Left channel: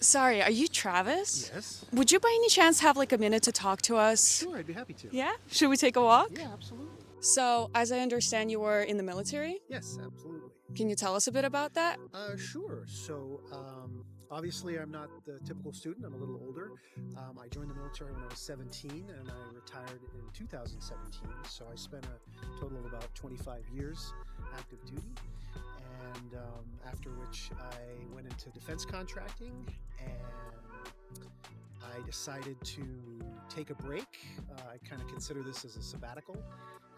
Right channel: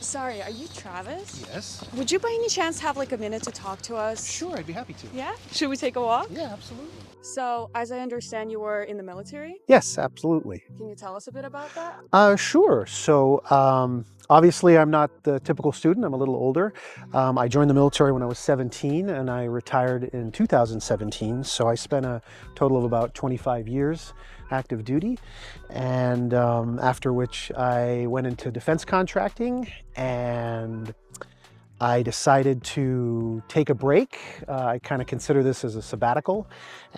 Sorry, are you Travis? Yes. Would you by any chance have like a minute to talk to us? Sure, I'd be happy to. Yeah? Should we take a walk? Yeah, absolutely. So, as I understand, you were in the military. Yes, absolutely. Can you tell us a bit about that? Sure. Obviously, I'm not the typical student. I'm a little older. I joined the military when I was 17 and I retired in 2017. So I spent a total of about 25 years active duty. And after which I went into defense contracting and I decided to take a break. I kind of consider this as a sabbatical.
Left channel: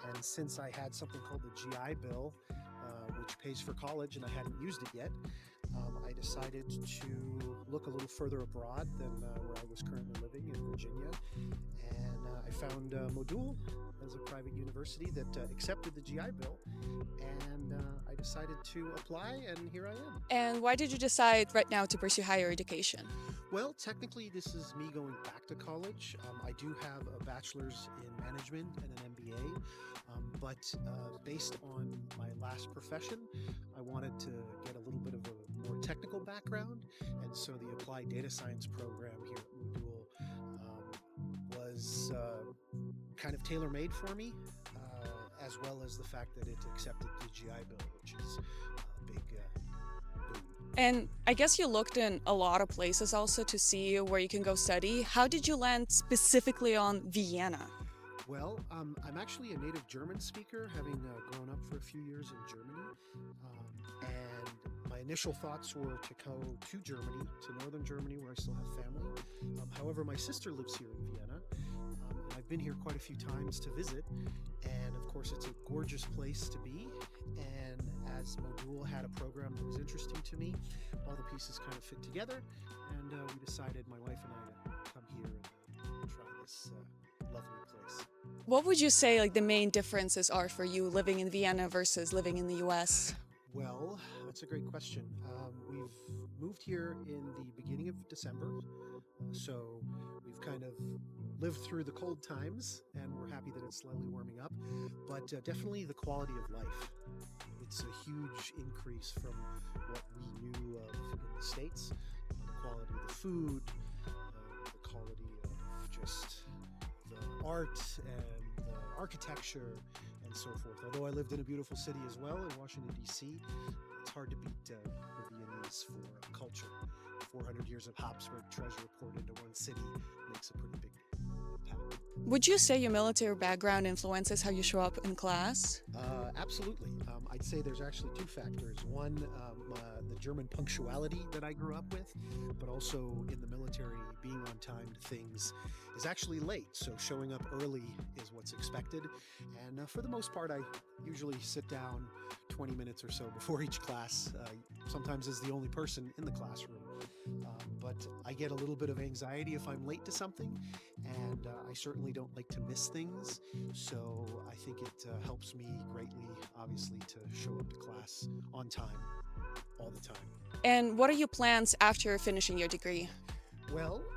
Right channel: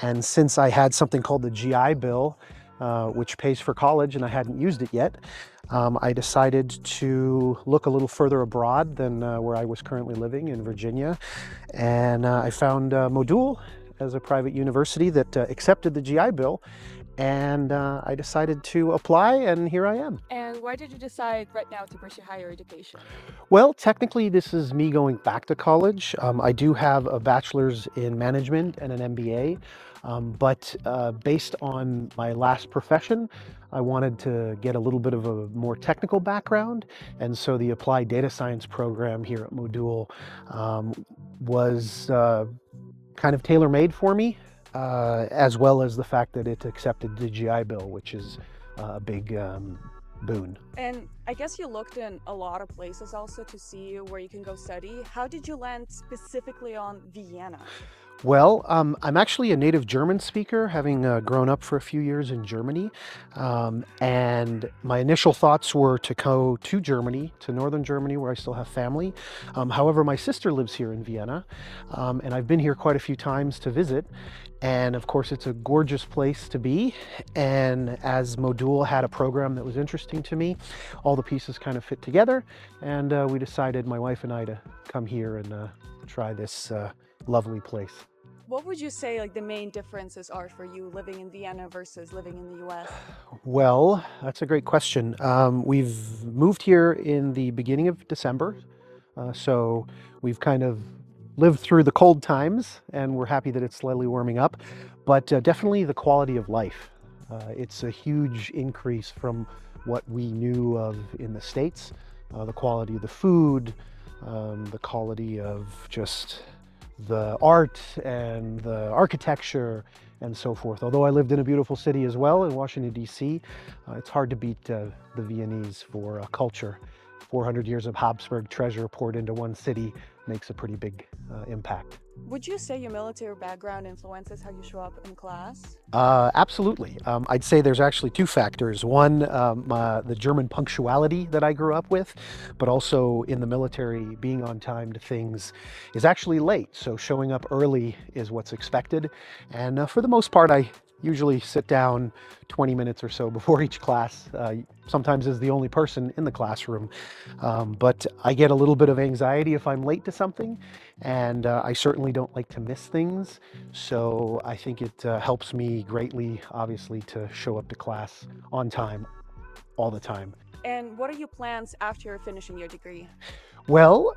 And since I had something called the GI Bill, which pays for college, and I hadn't used it yet, I decided to look a little further abroad than where I was currently living in Virginia. And I found Modul as a private university that accepted the GI Bill. And I decided to apply, and here I am. And why did you decide right now to pursue higher education? Well, technically, this is me going back to college. I do have a bachelor's in management and an MBA, but based on my last profession, I wanted to get a little bit of a more technical background. And so the applied data science program here at Modul was kind of tailor-made for me, as well as the fact that it accepted the GI Bill, which is a big boon. And I guess you looked in a lot of places also to see where you can go study. How did you land specifically on Vienna? Well, I'm actually a native German speaker, having grown up for a few years in Germany. And my initial thoughts were to go to Germany, to northern Germany, where I still have family. However, my sister lives here in Vienna, and I've been here quite a few times to visit. And of course, it's a gorgeous place to be. And as Modul had a program that was interesting to me, all the pieces kind of fit together. And we decided, my wife and I, to come here and try this lovely place. What would you say like the main differences are for you living in Vienna versus living in the US? Well, that's a great question. We've moved here in the beginning of December, so we've kind of lived through the cold times, and we're happy that it's slightly warming up, but definitely the quality of life. It's a huge increase from what we knew of in the States. The quality of the food, the quality of just the art and the architecture and so forth. Although I lived in a beautiful city as well in Washington, D.C., it's hard to beat the Viennese for culture. 400 years of Habsburg treasure poured into one city makes a pretty big impact. Would you say your military background influences how you show up in class? Absolutely. I'd say there's actually two factors. One, the German punctuality that I grew up with, but also in the military, being on time to things is actually late. So showing up early is what's expected. And for the most part, I usually sit down 20 minutes or so before each class, sometimes as the only person in the classroom. But I get a little bit of anxiety if I'm late to something, and I certainly don't like to miss things. So I think it helps me greatly, obviously, to show up to class on time, all the time. And what are your plans after finishing your degree? Well,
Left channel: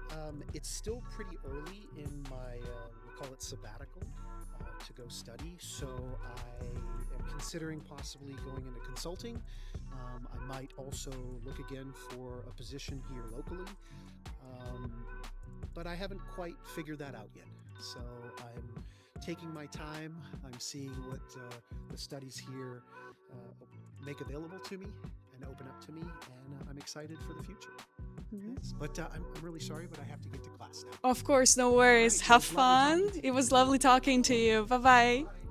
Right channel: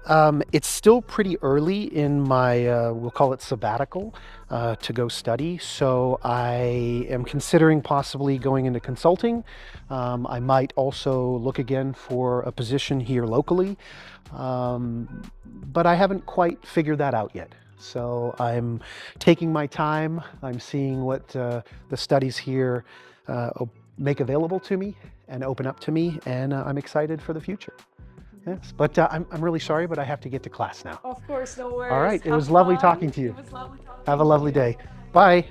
it's still pretty early in my, we'll call it sabbatical, to go study. So I am considering possibly going into consulting. I might also look again for a position here locally, but I haven't quite figured that out yet. So I'm taking my time. I'm seeing what the studies here make available to me and open up to me, and I'm excited for the future. Yes, but I'm really sorry, but I have to get to class now. Of course, no worries. All right, it Have was lovely fun. talking to you. It was lovely talking Have a to lovely you. day. Bye-bye. Bye.